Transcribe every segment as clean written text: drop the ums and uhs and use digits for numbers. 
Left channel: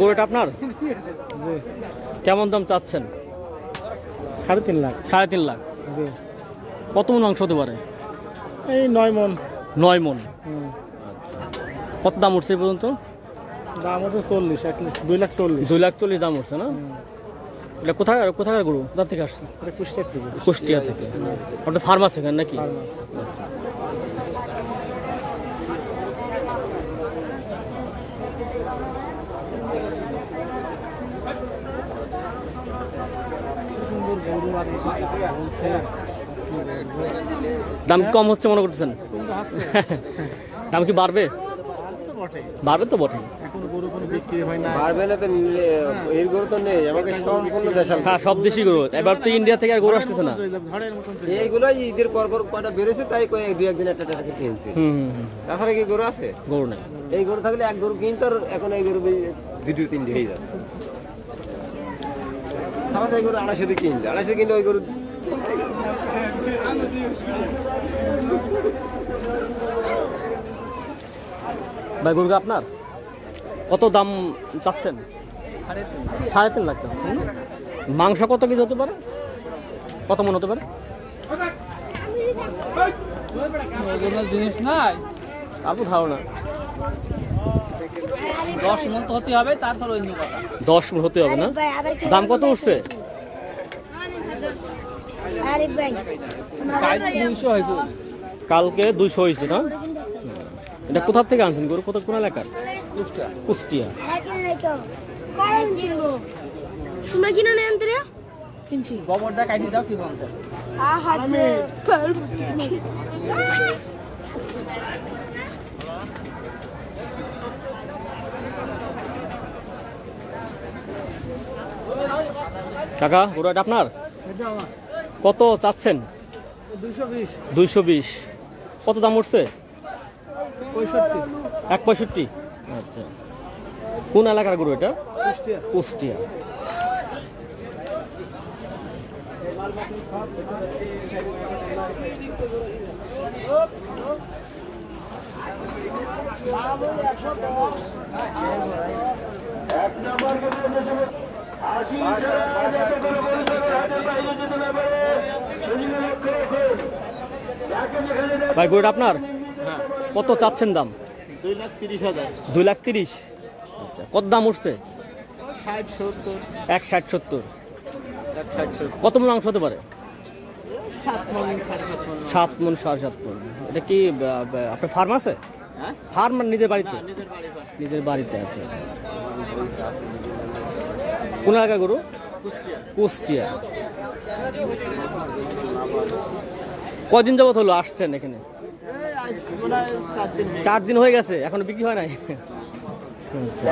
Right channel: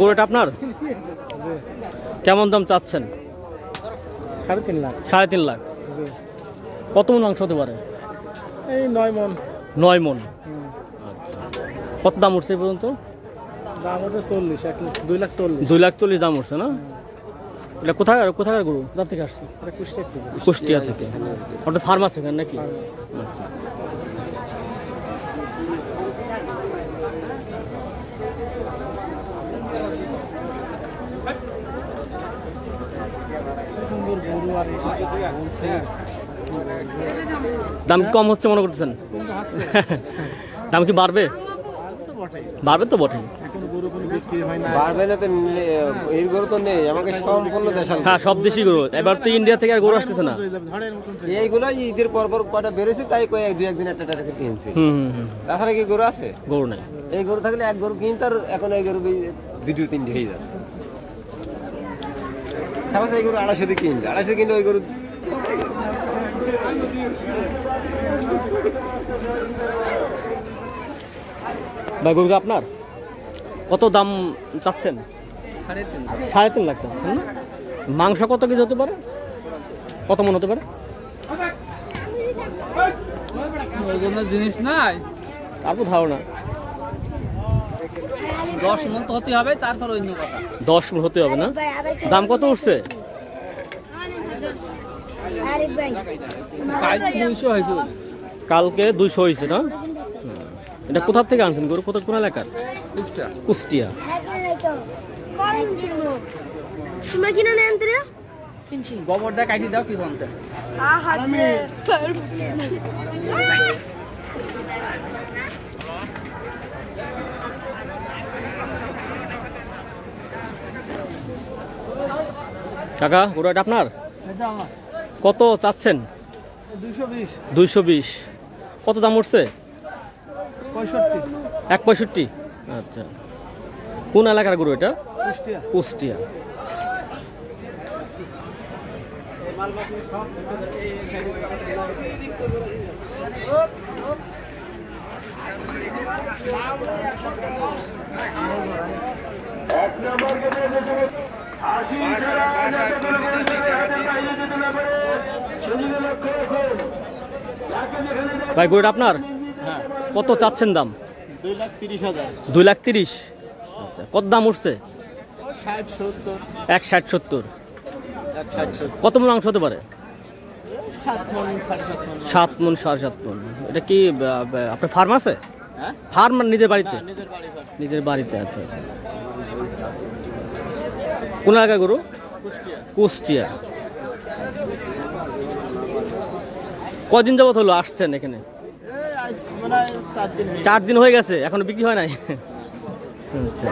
গরুটা আপনার কেমন দাম চাচ্ছেন? 3.5 লাখ। 3.5 লাখ। কত মন মাংস হতে পারে? এই 9 মন। 9 মন। কত দাম উঠছে এই পর্যন্ত? দাম হচ্ছে 40, 2,40,000। 2,40,000 দাম উঠছে না? এটা কোথাকার গরু? কোথা থেকে আসছে? এটা কুষ্টিয়া থেকে। কুষ্টিয়া থেকে। ওটা ফার্ম আছে এখানে নাকি? দাম কম হচ্ছে মনে করতেছেন? দাম কি বাড়বে? বাড়বে তো বটে। এখন গরু কোনো বিক্রি হয় না। বাড়বে না তো, এই গরু তো নেই আমাকে সম্পূর্ণ দেশাল। হ্যাঁ, সব দেশি গরু। এবার তো ইন্ডিয়া থেকে আর গরু আসতেছে না। এইগুলো ঈদের পর কটা বেরোছে, তাই কয়েক দু একদিন একটা কিনছে। তাছাড়া কি গরু আছে? গরু নাই। এই গরু থাকলে এক গরু কিনতে, আর এখন এই গরু 2-3 হয়ে যাচ্ছে। তারপরে এই গরু 250 কিনতে, 250 কিনতে ওই গরু ভাই গরু আপনার কত দাম চাচ্ছেন? 3.5 লাখ চাচ্ছেন না? মাংস কত কেজি হতে পারে? কত মন হতে পারে? জিনিস নাই, তারপর ধারণা 10 মন তো হতে হবে, তারপর অন্য কথা। 10 মন হতে হবে না? দাম কত উঠছে? 200 হয়েছে। কালকে 200 হয়েছে না? এটা কোথা থেকে আনছেন গরু? কোন এলাকার? কুষ্টিয়া। তোমরা কিনা নেন তো রে? কিনছি। গোবরটা কাটি দাও কি বলতে? আমি কাকা গরু এটা আপনার? এটা আমার। কত চাচ্ছেন? 220। 220। কত দাম উঠছে? 65। 1.65। আচ্ছা, কোন এলাকার গরু এটা? কুষ্টিয়া। কুষ্টিয়া। ভাই গরুটা আপনার কত চাচ্ছেন দাম? 2,30,000। 2,30,000। আচ্ছা, কত দাম উঠছে? 60-70। 1,60-70। কত মন মাংস হতে পারে? 7 মন 7.5 মন। 7 মন 7.5 মন। এটা কি আপনার ফার্ম আছে? হ্যাঁ, ফার্ম মানে নিজের বাড়িতে? নিজের বাড়ি। নিজের বাড়িতে। আচ্ছা, কোন এলাকার গরু? কুষ্টিয়া। কুষ্টিয়া। কদিন যাবত হলো আসছেন এখানে? 4 দিন হয়ে গেছে, এখনো বিক্রি হয় নাই? আচ্ছা,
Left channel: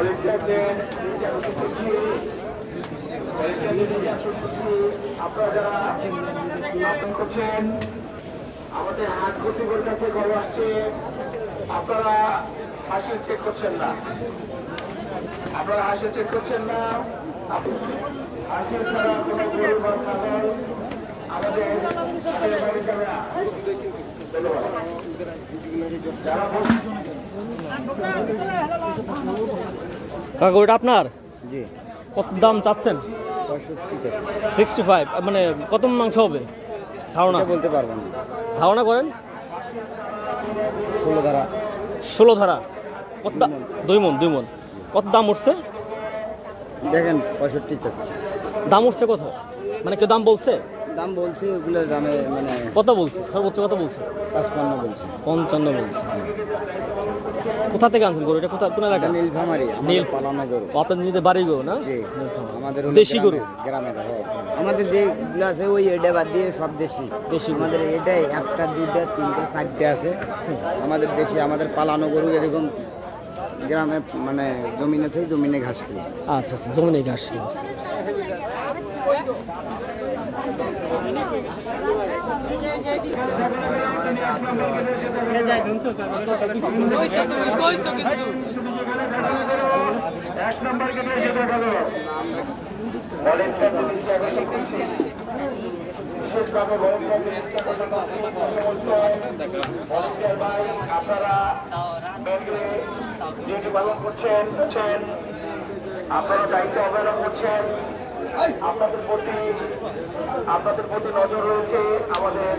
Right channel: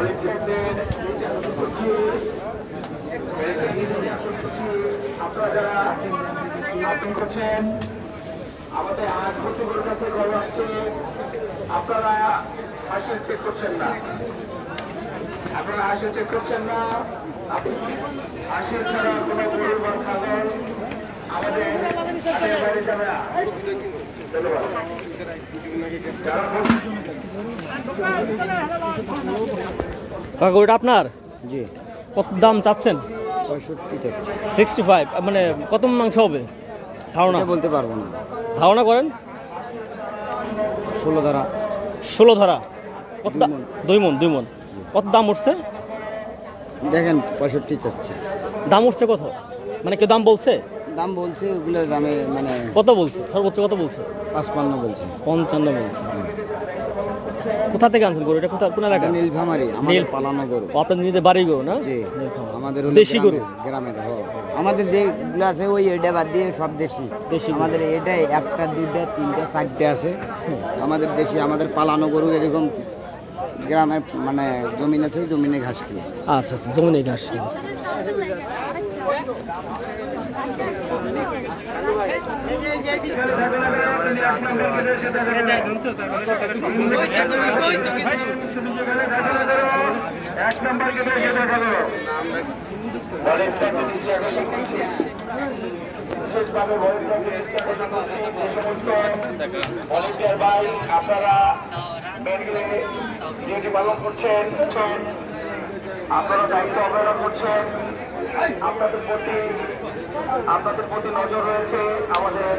আমাদের হাত কর্তৃপক্ষের কাছে খবর আছে, আপনারা হাসিল চেক করছেন না, আপনারা হাসিল চেক করছেন না। হাসিল ছাড়া কোনো গরু বা ছাগল আমাদের গাড়ি যাবে না। কাকা ওটা আপনার? জি। কত দাম চাচ্ছেন? 65 চাচ্ছি। 65। মানে কত মাংস হবে ধারণা? বলতে পারবো না। ধারণা করেন। 16 ধারা। 16 ধারা। কত? 2 মন। 2 মন। কত দাম উঠছে? দেখেন 65 চাচ্ছি। দাম উঠছে কত? মানে কেউ দাম বলছে? দাম বলছি, ওগুলো দামে মানে কত বলছে? সর্বোচ্চ কত বলছে? 55 বলছে। 55 বলছে। কোথা থেকে আনছেন গরু? এটা কোন এলাকা? নীলফামারী। নীল পালানো গরু। আপনার নিজের বাড়ি গরু না? জি। আমাদের দেশি গরু। গ্রামের। আমাদের যেগুলো আছে ওই এটা বাদ দিয়ে সব দেশি। দেশি গরু। আমাদের এটাই 1টা 2টা 3টা 4টে আছে আমাদের দেশি। আমাদের পালানো গরু এরকম গ্রামে মানে জমিন আছে, জমিনে ঘাস খায়। আচ্ছা, জমিনে ঘাস। এক নম্বর গেটে যেতে হবে ভলেন্টিয়ার দৃষ্টি আকর্ষণ করছি বিশেষভাবে ভলেন্টিয়ার দৃষ্টি আকর্ষণ করছি ভলেন্টিয়ার ভাই আপনারা ডিউটি পালন করছেন আপনারা দায়িত্ব অবহেলন করছেন আপনাদের প্রতি নজর রয়েছে আমাদের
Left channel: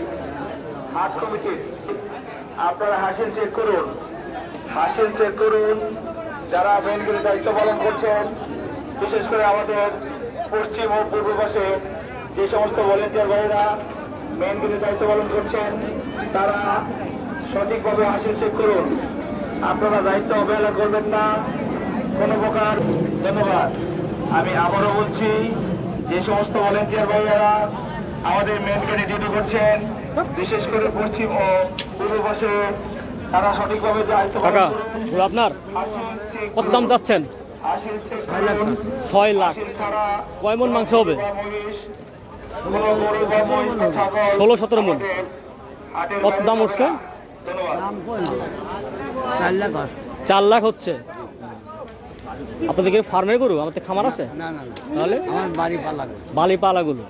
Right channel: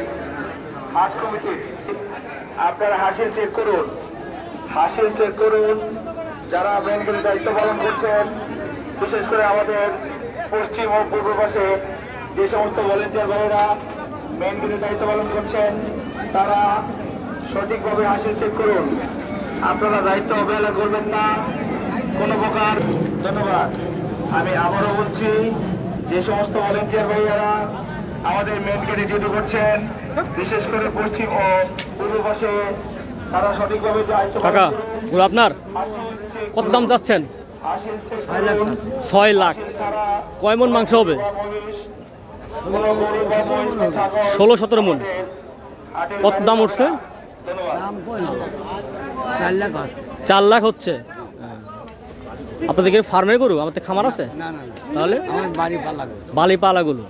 মাঠ কমিটির আপনারা হাসিল চেক করুন যারা ব্যাংকের দায়িত্ব পালন করছেন বিশেষ করে আমাদের পশ্চিম ও পূর্ব পাশে যে সমস্ত ভলেন্টিয়ার ভাইরা ব্যাংকের দায়িত্ব পালন করছেন তারা সঠিকভাবে হাসিল চেক করুন আপনারা দায়িত্ব অবহেলা করবেন না কোনো প্রকার। ধন্যবাদ। আমি আবারও বলছি যে সমস্ত ভলেন্টিয়ার ভাইরা আমাদের মেন গেটে ডিউটি করছেন বিশেষ করে পশ্চিম ও পূর্ব পাশে তারা সঠিকভাবে দায়িত্ব কাকা গরু আপনার কত দাম চাচ্ছেন? 6 লাখ। কয় মন মাংস হবে? 16-17 মন। কত দাম উঠছে? 4 লাখ হচ্ছে। আপনাদের কি ফার্মের গরু? আমাদের খামার আছে? তাহলে আমার বালি পালা গরু।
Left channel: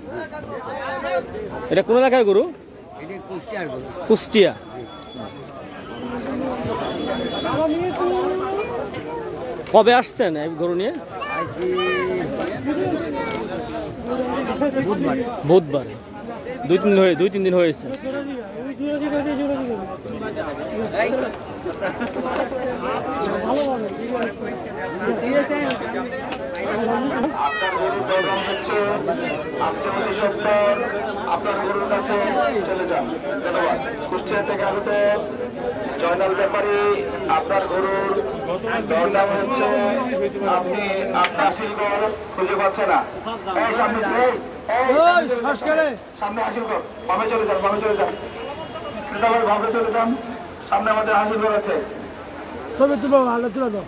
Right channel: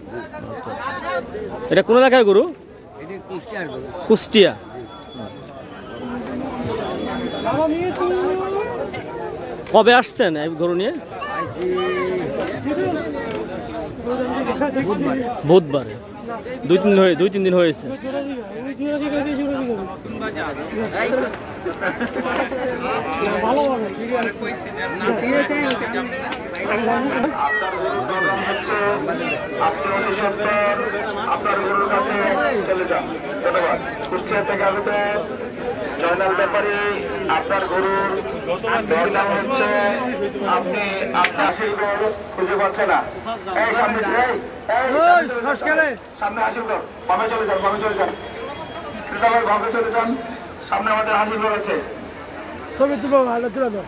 এটা কোন এলাকার গরু? কুষ্টিয়া। কবে আসছেন এই গরু নিয়ে? বুধবারে। 2-3 দিন হয়েছে। কুষ্টিয়া থেকে জয়নাল ব্যাপারী আপনার গরুর দরদাম হচ্ছে আপনি আশীর্বাদ খুঁজে পাচ্ছে না এই সামনে সামনে আশীর্বাদ বামে চলে যান বামে চলে যান সামনে আমাদের আশীর্বাদ আছে ছবি তুলো ভালো তুলে দাও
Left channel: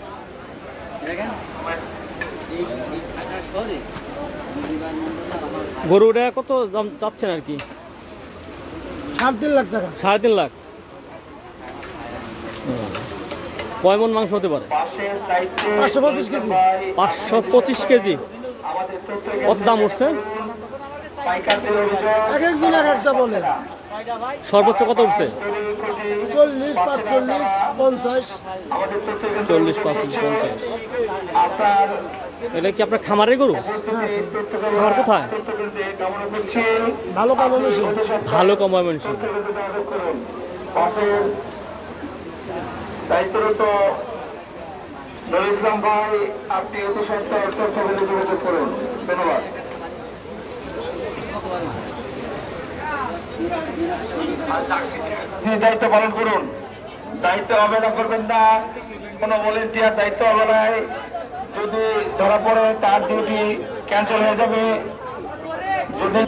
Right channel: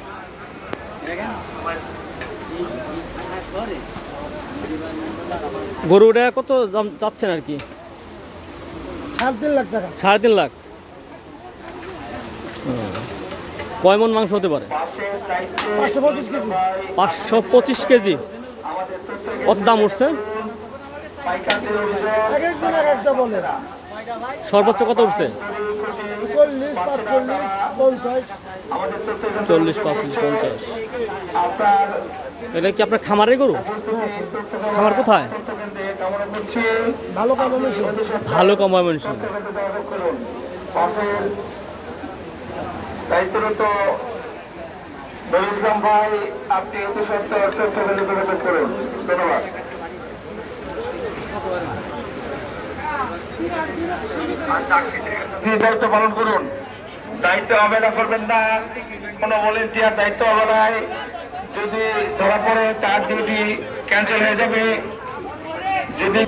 গরুটা কত দাম চাচ্ছেন আর কি? 3.5 লাখ টাকা। 3.5 লাখ। কয় মন মাংস হতে পারে? 525 কেজি। 525 কেজি। কত দাম উঠছে? একদিন আর একটা বলে সর্বোচ্চ কত উঠছে? 40, 45, 50। 40, 45, 50। এটা কি আপনার খামারের গরু? খামার কোথায়? ভালো কাম হয়েছে। ভালো কমায় মানুষ। দায়িত্বরত ইসলাম ভাই আপনি অতি সত্য করুন ধন্যবাদ। দায়িত্ব পালন করুন দায়িত্ব অবহেলা করবেন না কোনো ভলেন্টিয়ার দায়িত্ব অবহেলায় যদি ধরা পড়ে তার ডিউটি ক্যান্সেল হয়ে যাবে। যদি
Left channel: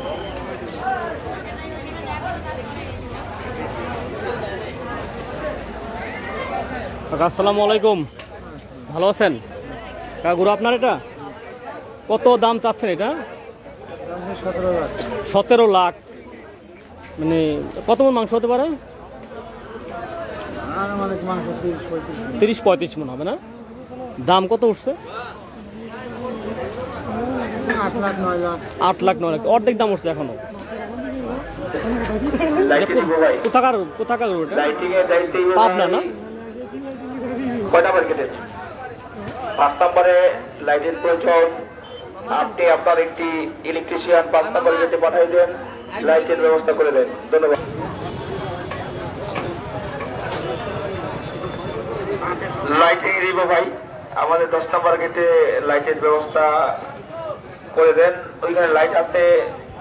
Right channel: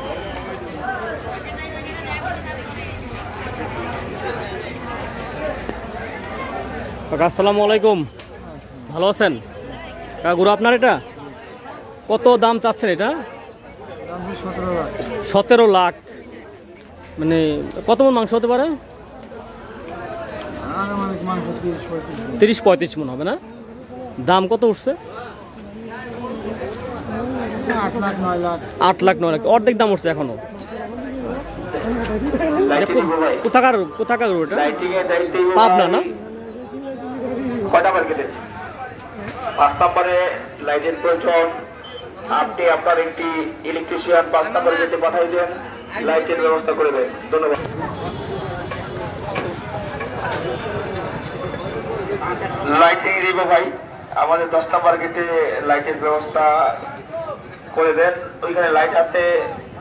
আসসালামু আলাইকুম, ভালো আছেন? গরু আপনার এটা কত দাম চাচ্ছেন? এটা 17 লাখ। মানে কত মন মাংস হতে পারে? 30-35 মন হবে না? দাম কত উঠছে? 8 লাখ 9 লাখ। অর্ধেক দাম উঠছে এখনো। কোথাকার গরু এটা? পাবনা না? 5 নম্বরে লাইটের প্রয়োজন আপনি আপনার একটি ইলেকট্রিশিয়ান 5 নম্বরে যেতে পাঠিয়ে দেন লাইটের ব্যবস্থা করে দেন ধন্যবাদ। লাইটিং দিব ভাই আমাদের 10 নম্বর গেটে লাইটের ব্যবস্থা করে দেন। ওইখানে লাইট আছে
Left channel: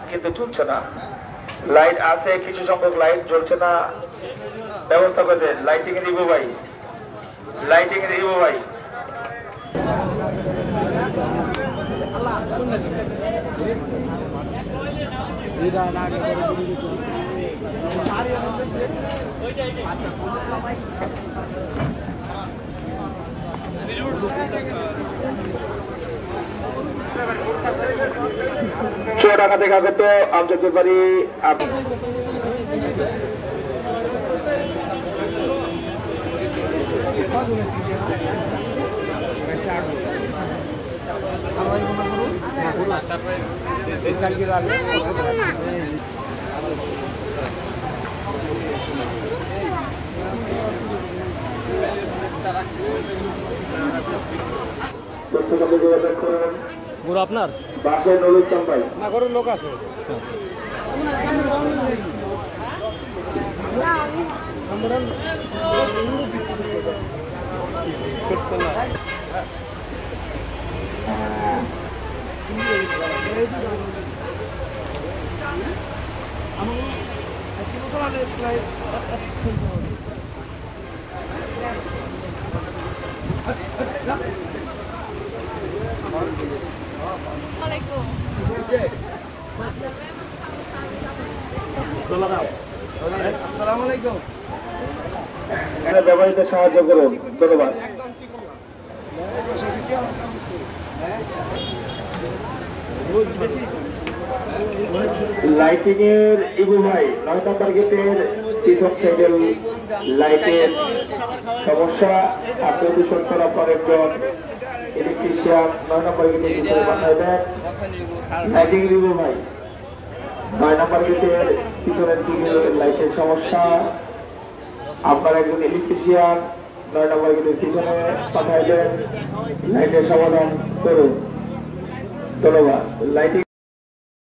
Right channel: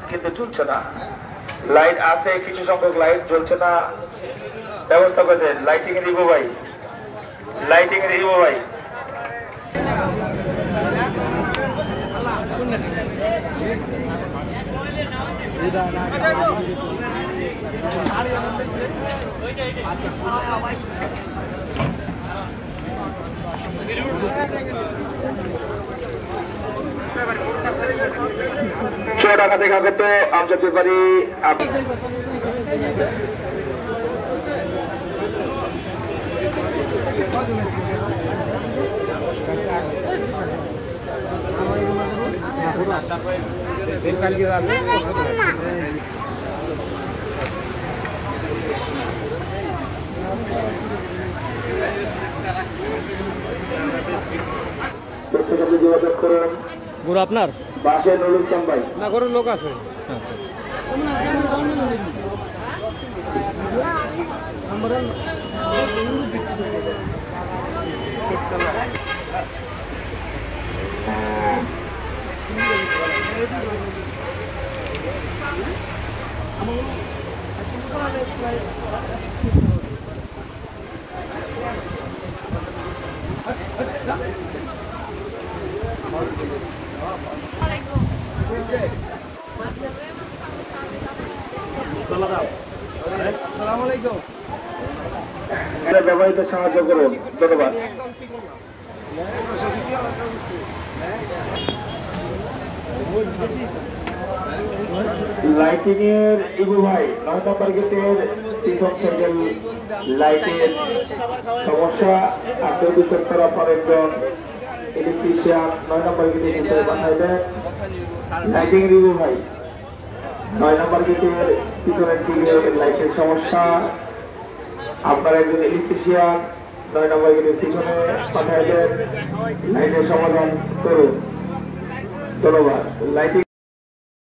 কিন্তু জ্বলছে না, লাইট আছে কিছু সংখ্যক লাইট জ্বলছে না, ব্যবস্থা করে দেন। লাইটিং দিব ভাই, লাইটিং দিব ভাই। ঢাকা থেকে আগত আন্তর্জাতিক বাড়ি যোগাযোগ করুন গরু আপনার? বাসের নলুক চাম্বাই না গরুর লোক আছে। ব্যবহৃত সাহায্য করুন, ধন্যবাদ। লাইটিং এর ইবু ভাই 9 নম্বর গেটের পিছন সাইডের লাইটের সমস্যা আত্মদূষণ করা একজন ইলেকট্রিশিয়ান 9 নম্বর গেটের ভিতরে পাঠায় দেন। লাইটিং এর ইবু ভাই 9 নম্বর গেটের পিছনের দিকে লাইটের সমস্যা, আপনার একজন ইলেকট্রিশিয়ান 9 নম্বর গেটের পিছনে পাঠায় দেন, লাইটের সমাধান করুন, ধন্যবাদ। লাইটিং